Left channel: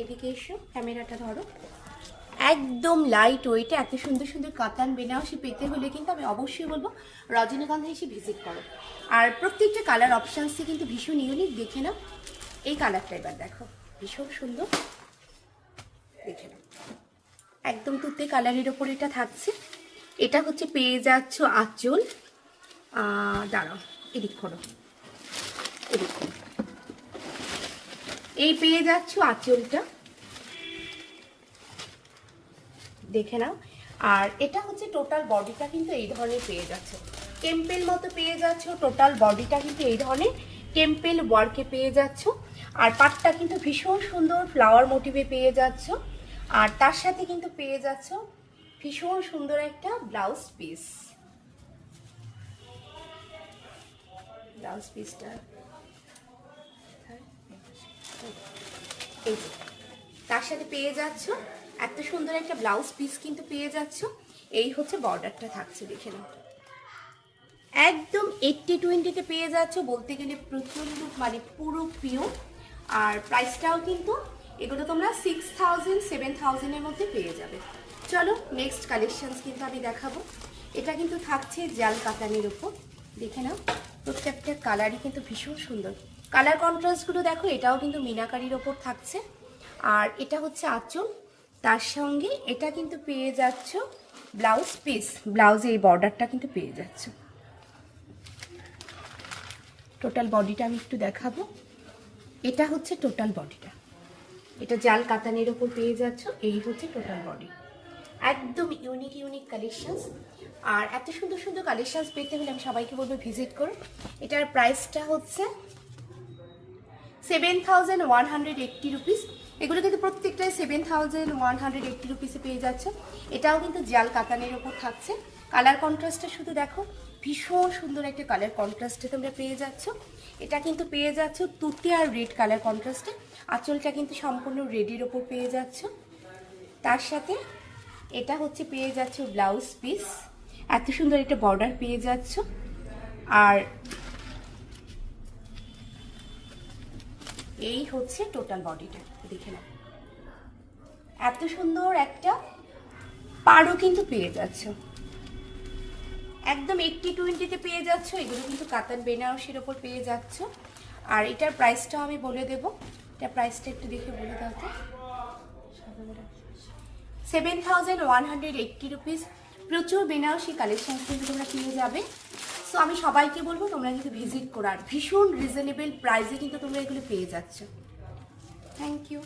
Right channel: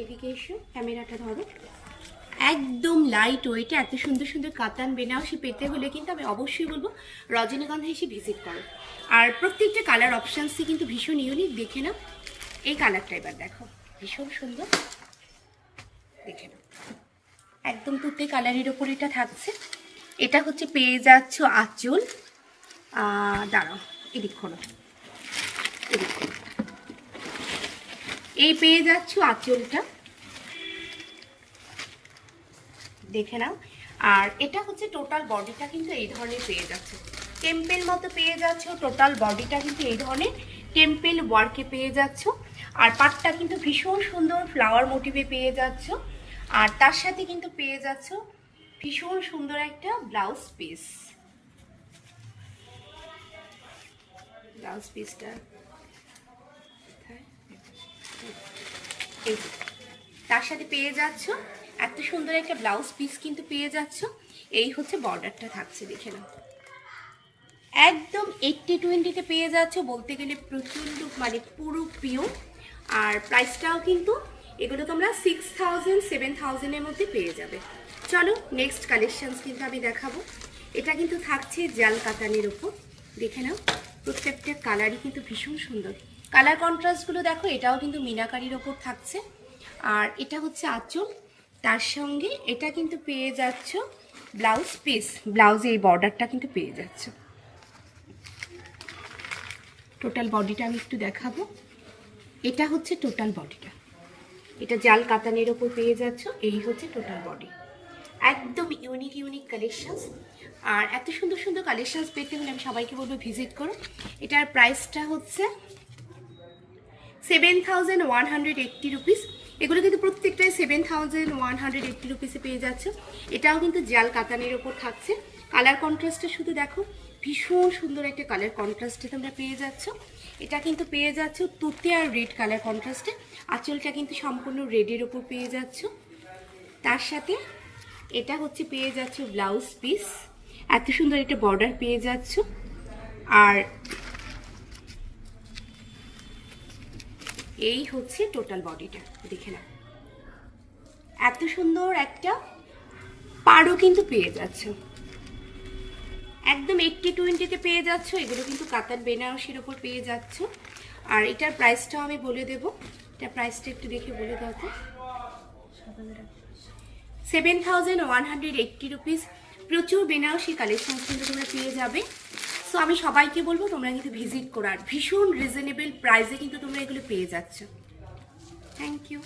এদিকে এসো, ক্যামেরাটা ধরো। একদম লাইট ওয়েটে এত সুন্দর সুন্দর কাতান বেনারসি পেতে হলে কিন্তু আমি অবশ্যই বলবো রজনীগন্ধা এসে ভিজিট করো। আর প্রত্যেকটা কালার অপশানসই কিন্তু ভীষণ ইউনিক। দেখে নাও এই কালারটা, এবার দেখো ভীষণ সুন্দর, দেখে নাও একদম তুতে কালারের ওপর এটা থাকছে। এটা হচ্ছে পেয়ে যাচ্ছ আঁচল, দাঁড়াও এদিক খোলো, এদিক খোলো। এই পেয়ে যাচ্ছ আঁচলটা, দেখে নাও। আর এটা হচ্ছে টোটাল বডিটা কিন্তু এই ধরনের পেয়ে যাচ্ছে, টেম্পেল মতো পেয়ে যাচ্ছ। টোটাল বডিটা কিন্তু এই ধরনের টেম্পেল ওয়ার্কে পেয়ে যাচ্ছ। আর পাটটা কিন্তু ভীষণ সুন্দর ফ্লাওয়ার মোটিভে পেয়ে যাচ্ছ। আর তার সাথে কিন্তু পেয়ে যাচ্ছ ভীষণ সুন্দর একটা ব্লাউজ পিস। ব্লাউজ পিসটা এই তার সাথে পেয়ে যাচ্ছ এত সুন্দর একটা ব্লাউজ পিস কিন্তু পেয়ে যাচ্ছ। এই হচ্ছে বর্ডারটা থাকছে, দেখে নাও একদম 80-20-তে পেয়ে যাচ্ছ, বলতে গেলে প্রচন্ড মানে পুরো পিওর। আর প্রাইসটাও কিন্তু এগুলো তোমরা 6000-7000-এর মধ্যে পেয়ে যাবে। চলো নেক্সট কালেকশনস কিন্তু আমি দেখাবো। এটা কিন্তু থাকছে জাল কাতানের উপর, দেখে নাও প্রত্যেকটা কালারই কিন্তু ভীষণ সুন্দর। কালার কন্ট্রাস্টগুলো দেখো, এটাও কিন্তু মিনাকারির ওপর থাকছে। আর এটা হচ্ছে আঁচল, তার সঙ্গে এটা কিন্তু পেয়ে যাচ্ছ ব্লাউজ পিস। ব্লাউজে এই বর্ডারটা কিন্তু পেয়ে যাচ্ছ। টোটাল বডিটা আমি একটু দেখাবো। এটা হচ্ছে টোটাল বডিটা, এটা জাল কাতানের ওপর পেয়ে যাচ্ছ। এই হচ্ছে টোটাল বডি, একদম ইউনিক ইউনিক কালেকশনস। আর এত সুন্দর সুন্দর কালেকশনস পেতে হলে আমি সবাইকে বলবো ভিজিট করো। এটার প্রাইসটা হচ্ছে 7180 রুপিস। এগুলো কিন্তু প্রত্যেকটাই 7180 রুপিসে পেয়ে যাচ্ছে। এটাও কিন্তু জাল কাতানের ওপর থাকছে। কালার কন্ট্রাস্টটা শুধু দেখো, ভীষণ সুন্দর একটা কালার কন্ট্রাস্টে তোমরা পেয়ে যাচ্ছ। এটা কিন্তু পেয়ে যাচ্ছ তুতে আর রেড কালার কন্ট্রাস্টে। আঁচলটা কিন্তু সম্পূর্ণ রেডের ওপর পেয়ে যাচ্ছ। তার সাথে এটা হচ্ছে পেয়ে যাচ্ছ ব্লাউজ পিস, এত সুন্দর একটা বর্ডার পেয়ে যাচ্ছ। আর এই হচ্ছে টোটাল বডিটা, দেখে নাও এত সুন্দর একটা পাড়ও কিন্তু পেয়ে যাচ্ছ। একদম 80-20-তে পেয়ে যাচ্ছ। এগুলো কিন্তু কাতান বেনারসির ওপর পেয়ে যাচ্ছ। আর এটার প্রাইসটাও আমি বলে দেবো, এটার প্রাইসটা একটু দেখে বলে দাও তো। 7180 রুপিস। প্রচুর বেনারসি কালেকশন কিন্তু তোমরা পেয়ে যাবে। সো আমি সবাইকে বলবো তোমরা কিন্তু ভিজিট করো। আর ভীষণ রিজনেবল প্রাইসে কিন্তু তোমরা এগুলো পেয়ে যাচ্ছ। Thank you.